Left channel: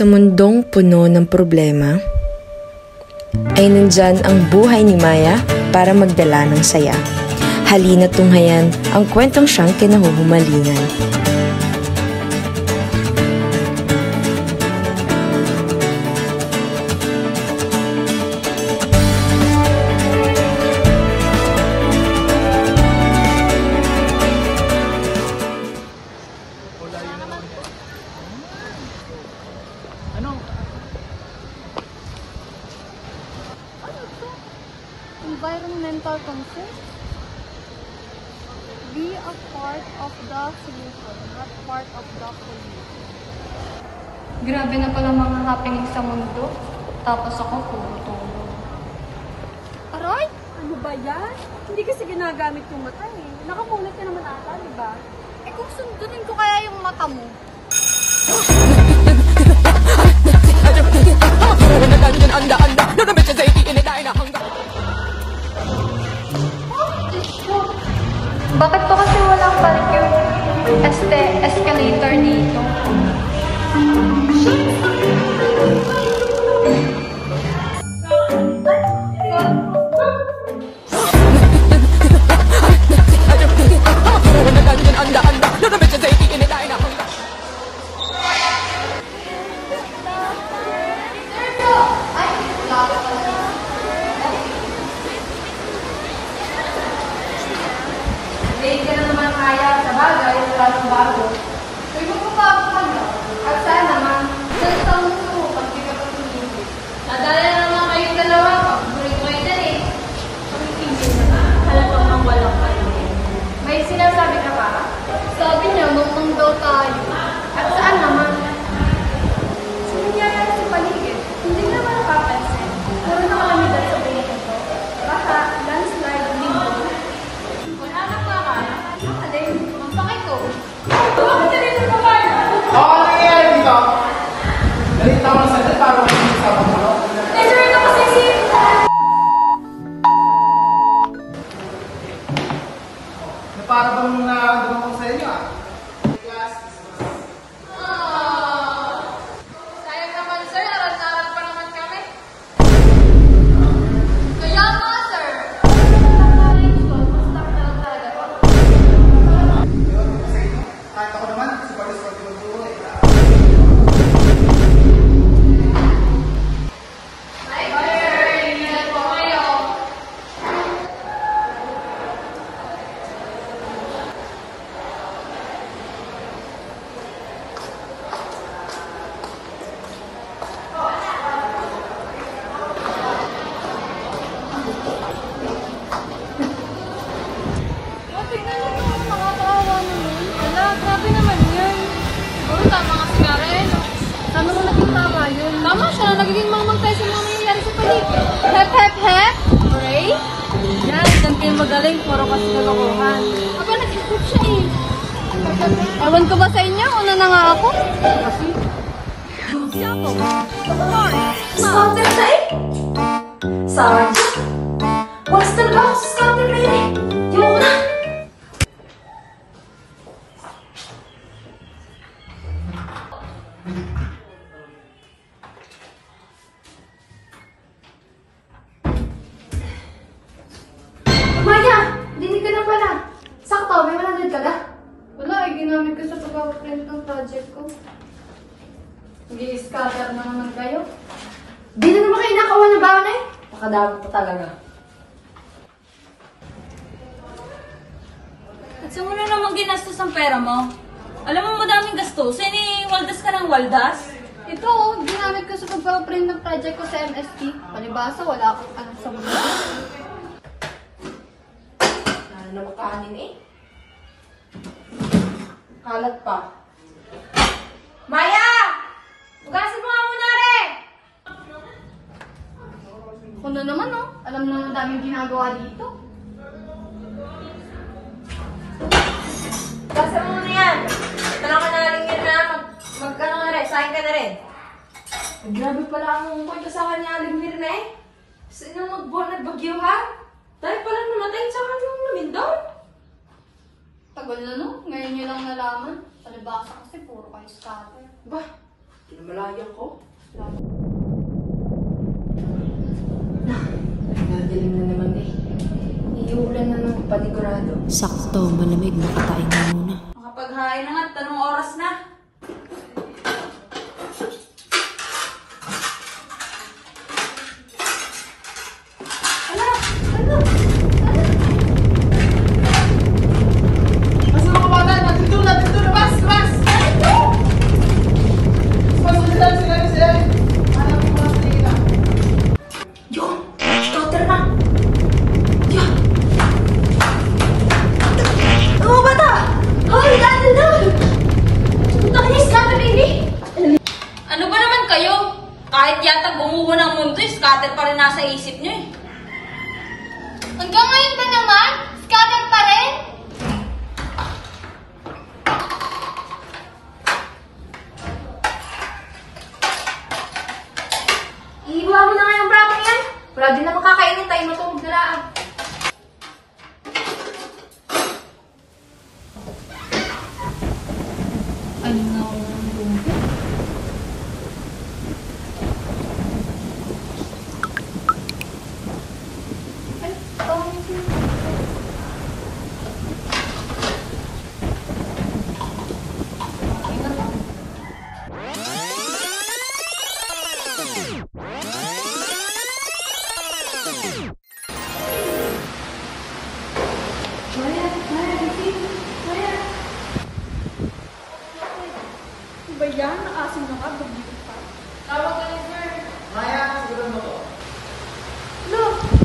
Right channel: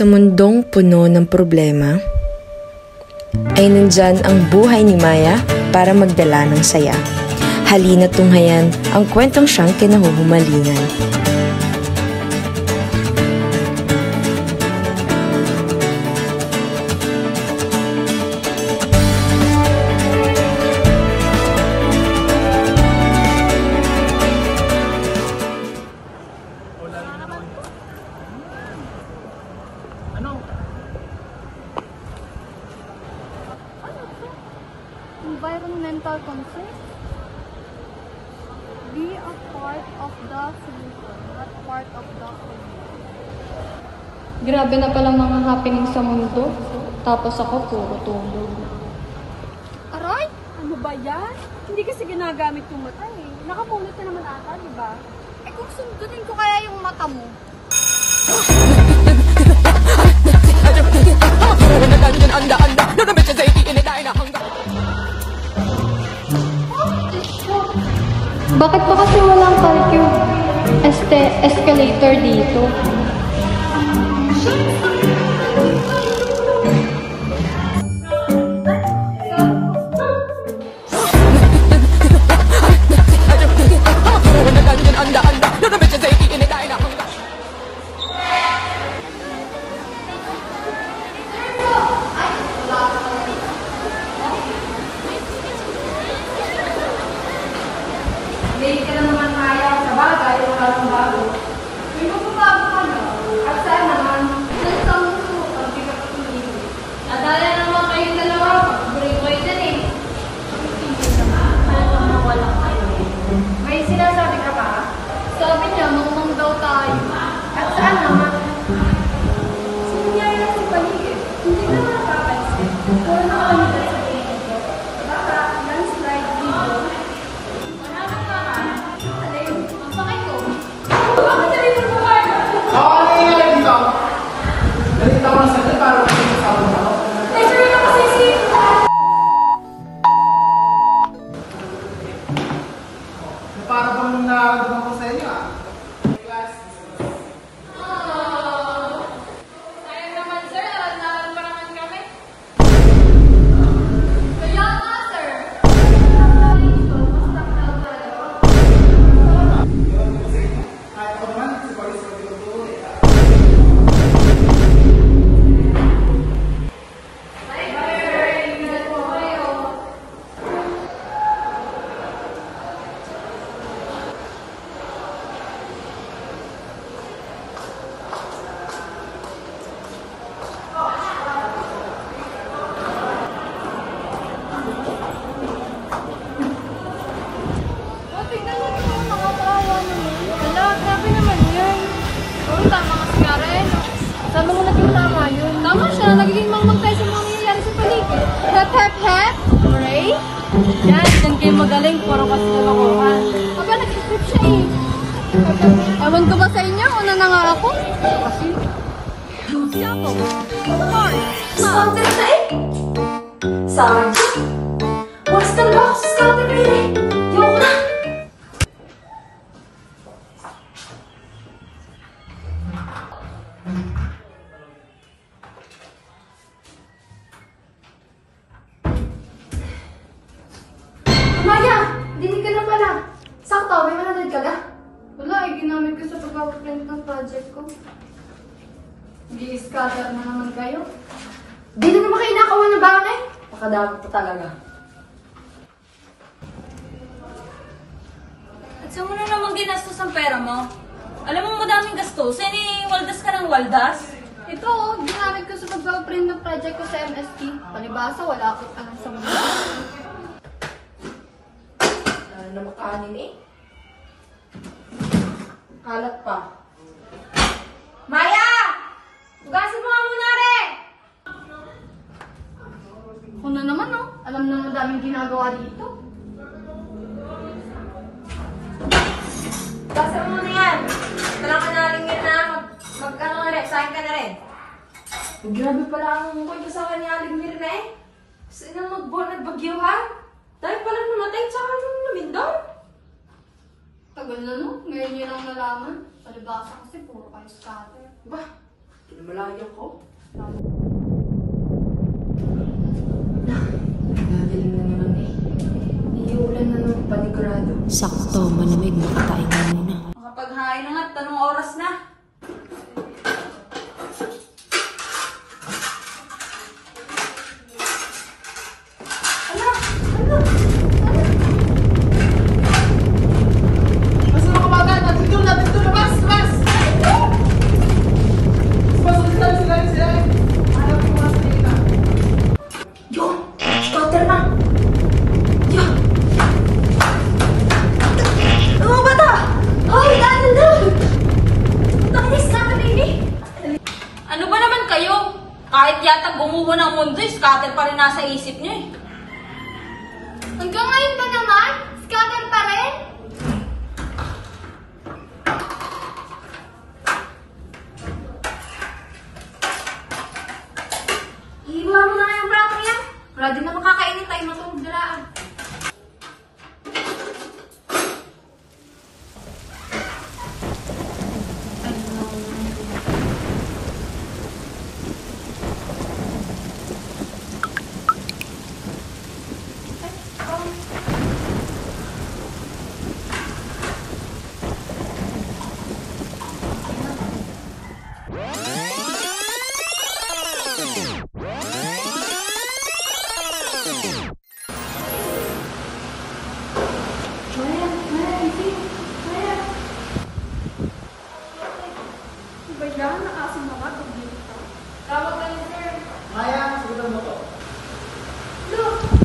Sa mundong puno ng problema, ay nandyan ang buhay ni Maya para magdala ng saya. Halina tunghayan ang kwentong siyang kinahuhumalingan. Environmental concern. Be a part of the solution, not part of the pollution. Grabe na palang mga happening sa mundo. Tapos ako puro tumbo. Aray! Ano ba yan? Hindi kasi ginagamit yung mata eh. Nakapunit ka naman ata, di ba? Eh kung sundutin ko kaya yung mata mo. Bakit po kasi wala escalator dito? Hindi ka na naman kaya sa bagay, wala ng bago. May magbabago ka na. At saan naman, sa mo pag pinagpapagin. Nadala naman kayong dalawa, pag-bring ko yun din eh. Ang pinto naman, halatang mawalang kayo. May sinasabi ka ba? Sabi niya, mamang daw tayo. At saan naman? Sa nangyayari sa paligid, hindi na napapansin. Puro na kami dahil sa pinito. Baka, landslide, linggo. Para bang nagawin ko sa inyo ah. Sayang naman sir, alas-aral pa naman kami. Kaya nga sir. Kahit ako naman, supervis ko dito po eh. Hi sir, ingat po kayo. Tingnan mo naman, nakakaawa naman. Ala, grabe naman yan. Siguro tama ka nga rin. Tama mo naging tama yun. Tama siya, nagiging mamang tayo sa mga nangyayari sa paligid. Hep, hep, hep! Hooray! Yan, dyan kayo magaling, puro kasi kalokohan. Aba, nag-isip siya eh. Ewan ko ba sa inyo, una na nga ako? Kasi... Siyapo! Sorry! Scouter sa'yo? Sergeant? Walas talaga ako sa scouter rin eh. Yung na! Maya! Dinig ka na pala. Sakto, may mananood ka ga? Wala, ay ginamit ko sa pag-print ng project ko. Nag-i-scatter na naman kayo. Di na naman kayo nakawa ng baon eh. Nakadami po talaga. At saan mo na naman ginastos ang pera mo? Alam mo madaming gastos. Eh, waldas ka ng waldas. Ito, ginamit ko sa pag-print ng project ko sa MSP. Palibasa, wala akong alam sa mundo. Ano na makahanin eh? Kalat pa. Maya! Ugasin mo nga muna rin! Kuno naman, no? Alam na madaming ginagawa dito. Ugasin mo muna yan. Talang ka na rin yun na magkano nga rin. Saan ka na rin? Grabe pala ang kwento sa kanya Aling na eh. Sino mag-born at bagyo ha? Dahil pala namatay tsaka nung lumindol. Tagal na, no? Ngayon nyo lang nalaman. Palibasa kasi puro kayo scatter. Bah, Kinamalayan ko. Nagaling mo naman eh. Iulan na ng panigurado. Sakto, malamig, makatayin na muna. Makapaghain na nga, tanong oras na. Mas mga kabagan, dito na, mas! Mas! Sila. Ayaw ko mga salita. Yun! Scouter na! Yun! Mga bata! Hoy! Ano na? Nakinis ka na, baby! Ano ba naman kayo? Kahit yata gumuho ng mundo, scatter pa rin nasa isip niyo eh. Hanggang ngayon ba naman? Scatter pa rin? Iiwa mo na nga yung brakong yan. Wala din na makakainin tayo matulog dalaan. Ano nga ako Ba yan? Nakasin na nga, bagyo pa. Tawag ka ni Sir. Maya, sagutan mo to. Look!